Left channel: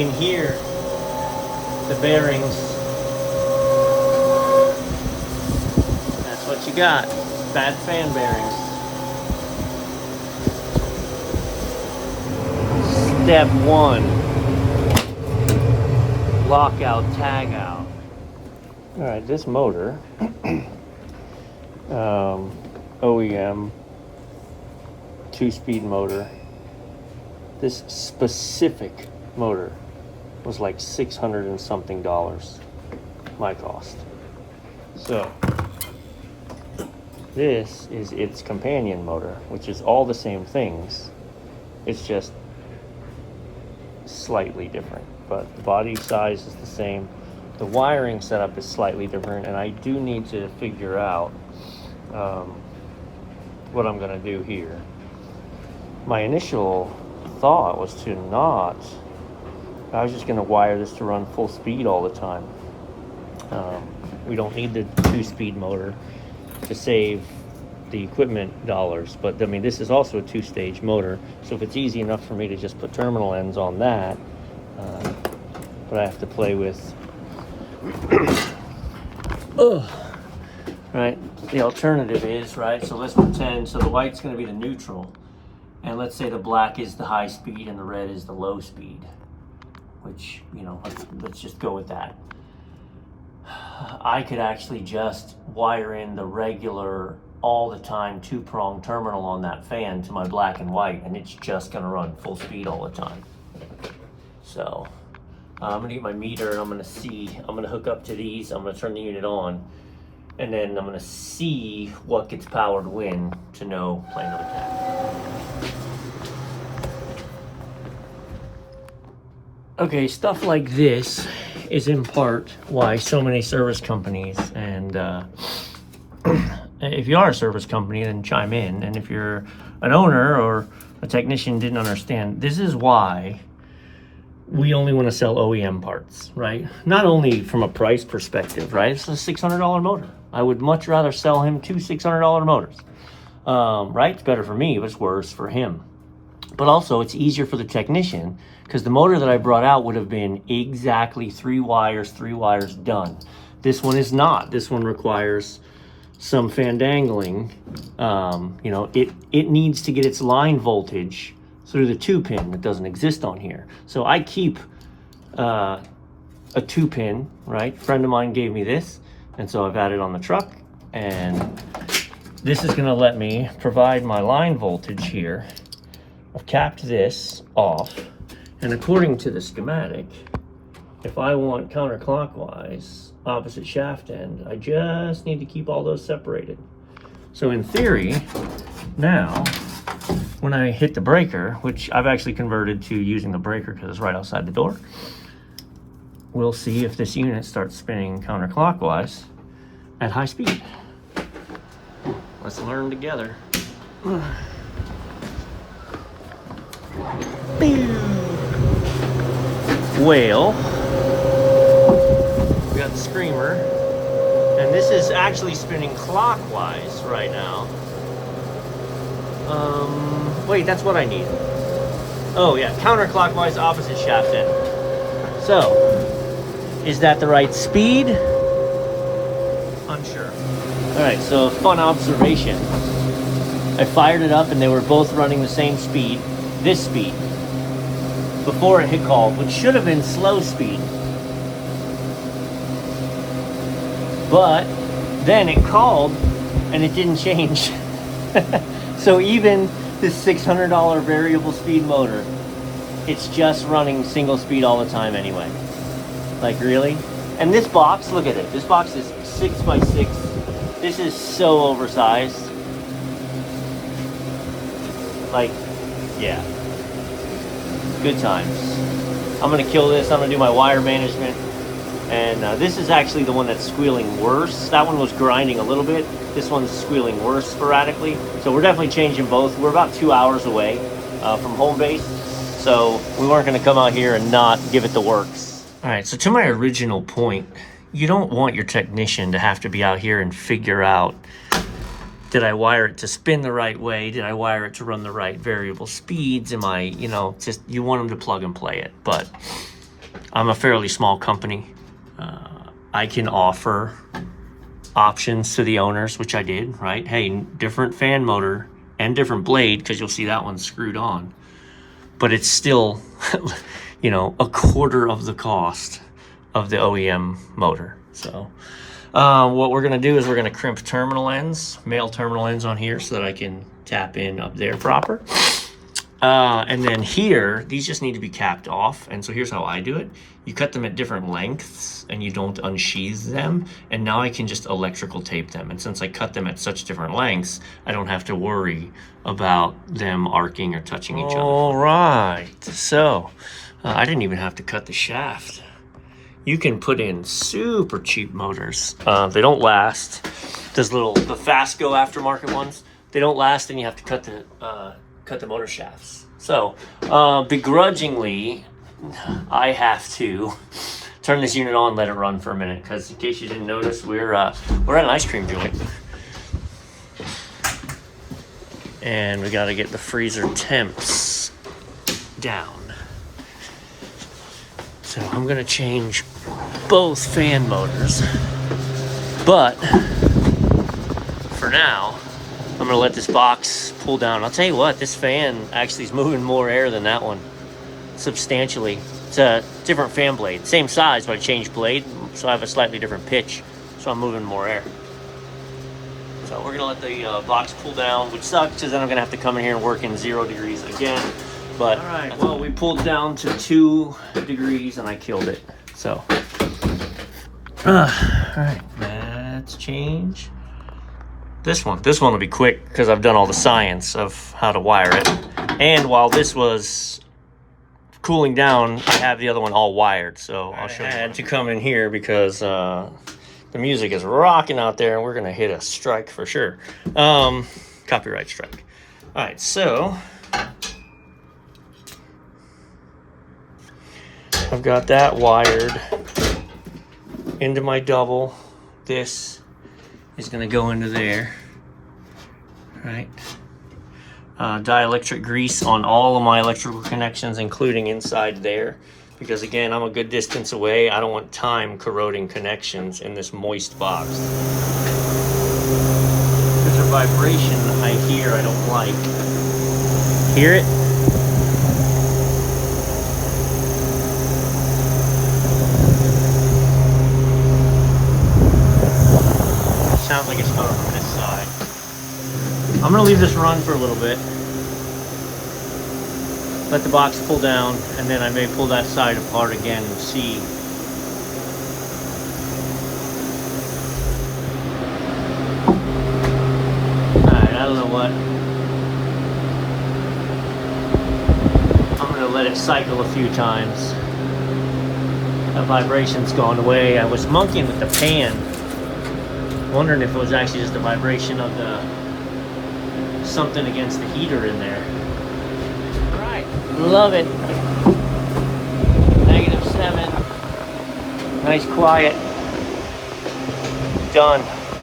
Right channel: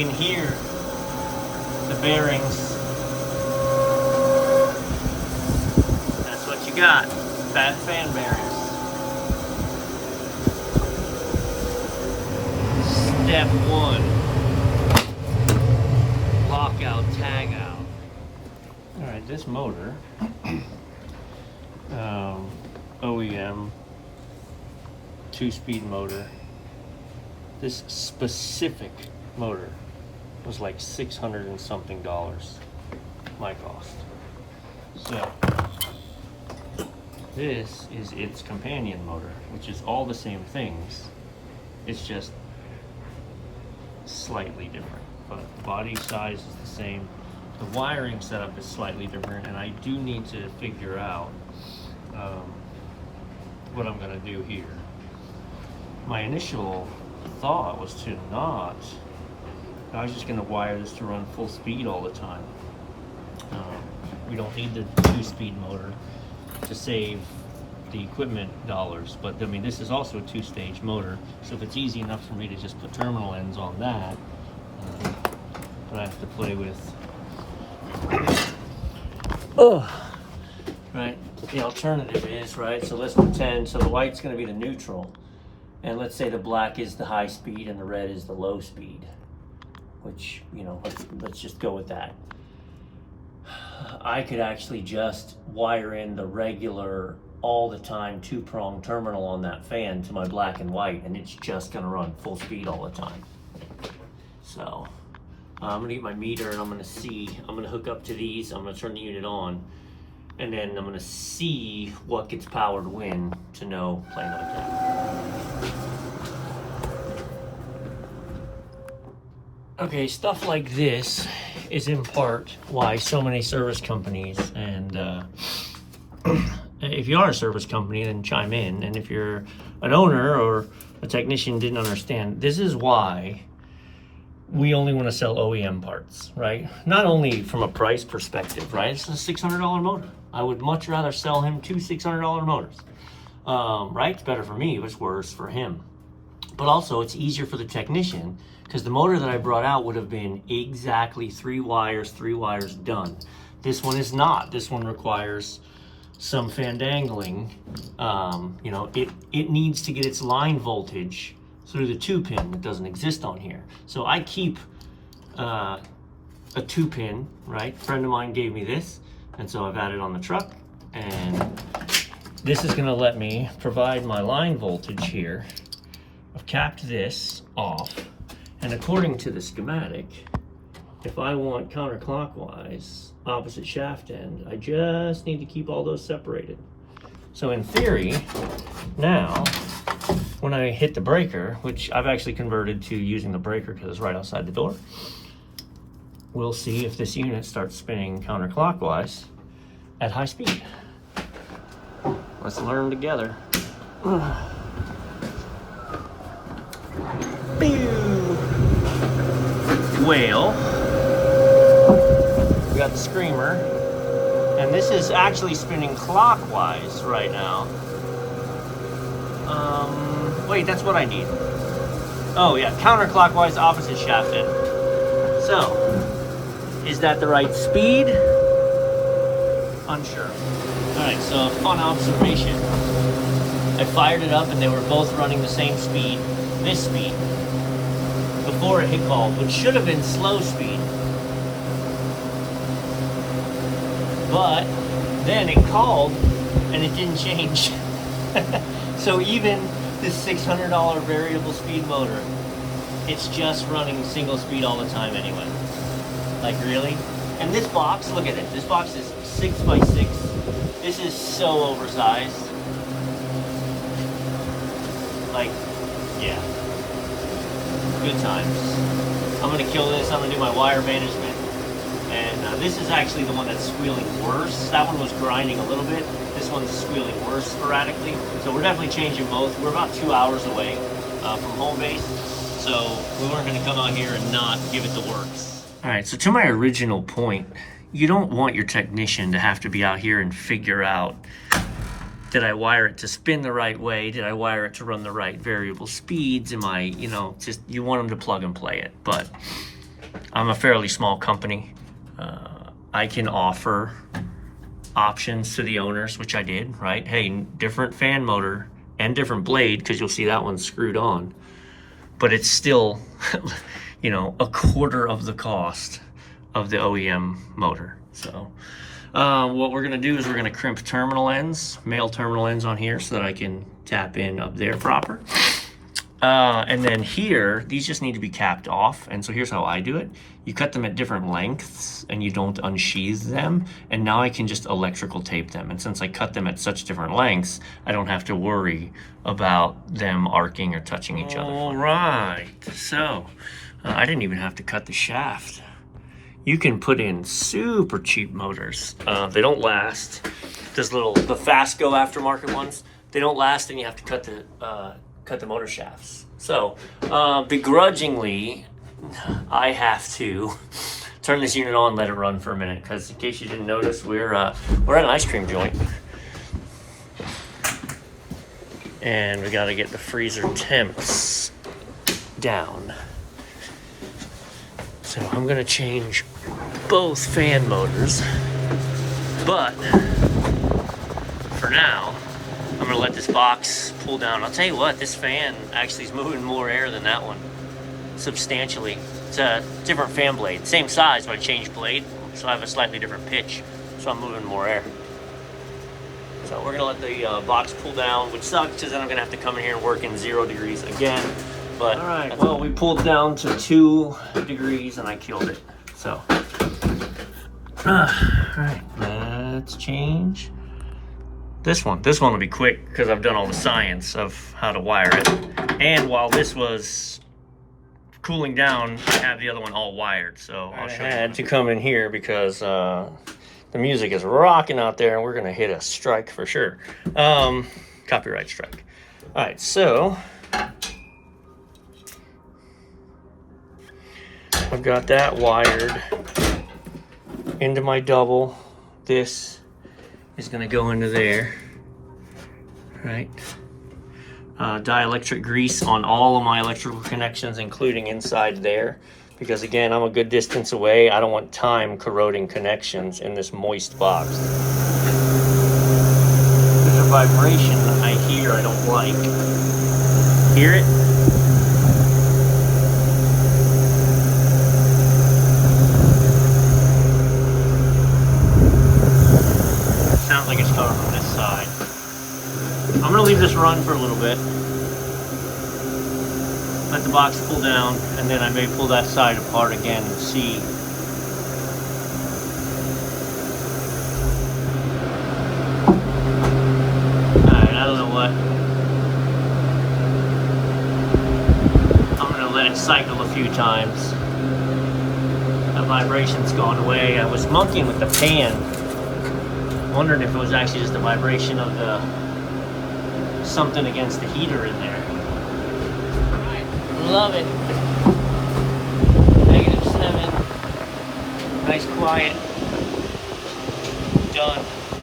can hear the bearings. That's what you got. Bad fan bearings. Step 1. Lockout, tag out. Alright, this motor, OEM, 2-speed motor. This specific motor was like $600 and something, my cost. So, this is its companion motor, which is all the same things. It's just slightly different, but the body size is the same. The wiring setup is slightly different, and I do need to figure out what I'm gonna do here. My initial thought was to not, I was just gonna wire this to run full speed all the time. We don't need the 2-speed motor to save the equipment dollars, but I mean, this is also a 2-stage motor, so if it's easy enough for me to just put terminal ends on that, but I have to play with right, the alternative is, right, so let's pretend, so the white's going to be the neutral, and let's say the black is the high speed and the red is the low speed, which, you know, let's just go with that. I could actually just wire in the regular all the time 2-prong terminal on that fan to my black and white, and it's just going to run full speed all the time. So I'm going to get my meter, and I'm going to hook up to these, I'm going to turn the unit on, and then I'm going to see what gets powered when to know play another tap. Okay, stuff like this is in part why so many service companies, and if you are a service company, then chime in, and if you're an owner or a technician didn't understand, this is why we only want to sell OEM parts, right? Not only from a price perspective, right? It's a $600 motor. I would much rather sell him 2 $600 motors, right? It's better for me, but it's worse for him. But also, it's easier for the technician, because the motor that I brought out would have been exactly 3 wires done. This one is not. This one requires some fandangling. You know, it needs to get its line voltage through the 2-pin that doesn't exist on here. So I keep a 2-pin, right? A friend of mine gave me this, and so I've had it on the truck, and this is gonna let me provide my line voltage here. I've capped this off, and according to the schematic, if I want counterclockwise, opposite shaft end, I just need to keep all those separated. So in theory, now, when I hit the breaker, which I've actually converted to using the breaker because it's right outside the door, we'll see if this unit starts spinning counterclockwise at high speed. Let's learn together. Well, we got the screamer, and this is actually spinning clockwise right now. Wait, that's what I need. Oh yeah, counterclockwise, opposite shaft end. So, is that the right speed? Unsure. Alright, so fun observation. I fired it up and they were both running the same speed, this speed, before it hit call, which should have been slow speed. But then it called and it didn't change. So even this $600 variable speed motor, it's just running single speed all the time anyway. Like, really? And this box, look at it. This box is 6 by 6. This is so oversized. Like, yeah. Good times. I'm gonna kill this. I'm gonna do my wire management. And this is actually the one that's squealing worse. That one was grinding a little bit. This one's squealing worse sporadically. So we're definitely changing both. We're about 2 hours away from home base. So we weren't gonna come out here and not give it the works. All right, so to my original point, you don't want your technician to have to be out here and figure out, did I wire it to spin the right way? Did I wire it to run the right variable speeds? Am I, you know, just, you want them to plug and play it. But I'm a fairly small company. I can offer options to the owners, which I did, right? Hey, different fan motor and different blade, because you'll see that one's screwed on. But it's still, you know, a quarter of the cost of the OEM motor. So what we're gonna do is we're gonna crimp terminal ends, male terminal ends on here so that I can tap in up there proper. And then here, these just need to be capped off. And so here's how I do it. You cut them at different lengths and you don't unsheath them. And now I can just electrical tape them. And since I cut them at such different lengths, I don't have to worry about them arcing or touching each other. All right, so I didn't even have to cut the shaft. You can put in super cheap motors. They don't last. The Fastgo aftermarket ones, they don't last, and you have to cut the motor shafts. So begrudgingly, I have to turn this unit on, let it run for a minute, because in case you didn't notice, we're at an ice cream joint, and we got to get the freezer temps down. So I'm gonna change both fan motors, but for now, I'm gonna let this box pull down. I'll tell you what, this fan actually is moving more air than that one, substantially. It's a different fan blade, same size, but I changed blade, so I have a slightly different pitch, so I'm moving more air. So we're gonna let the box pull down, which sucks, because then I'm gonna have to come in here and work in 0 degrees again. But all right, well, we pulled down to 2 degrees and I killed it. So, all right, let's change this one. This one will be quick because I've done all the science of how to wire it. And while this was cooling down, I have the other one all wired. So I'll show you. I had to come in here because the music is rocking out there and we're gonna hit a strike for sure. Copyright strike. All right, so I've got that wired into my double. This is gonna go into there, right? Dielectric grease on all of my electrical connections, including inside there, because again, I'm a good distance away. I don't want time corroding connections in this moist box. There's a vibration that I hear I don't like. Hear it? Sounds like it's coming from this side. I'm gonna leave this run for a little bit. Let the box pull down, and then I may pull that side apart again and see. Alright, I don't know what. I'm gonna let it cycle a few times. That vibration's gone away. I was monkeying with the fan, wondering if it was actually just the vibration of the something against the heater in there. Alright, love it. -7. Nice quiet. Done.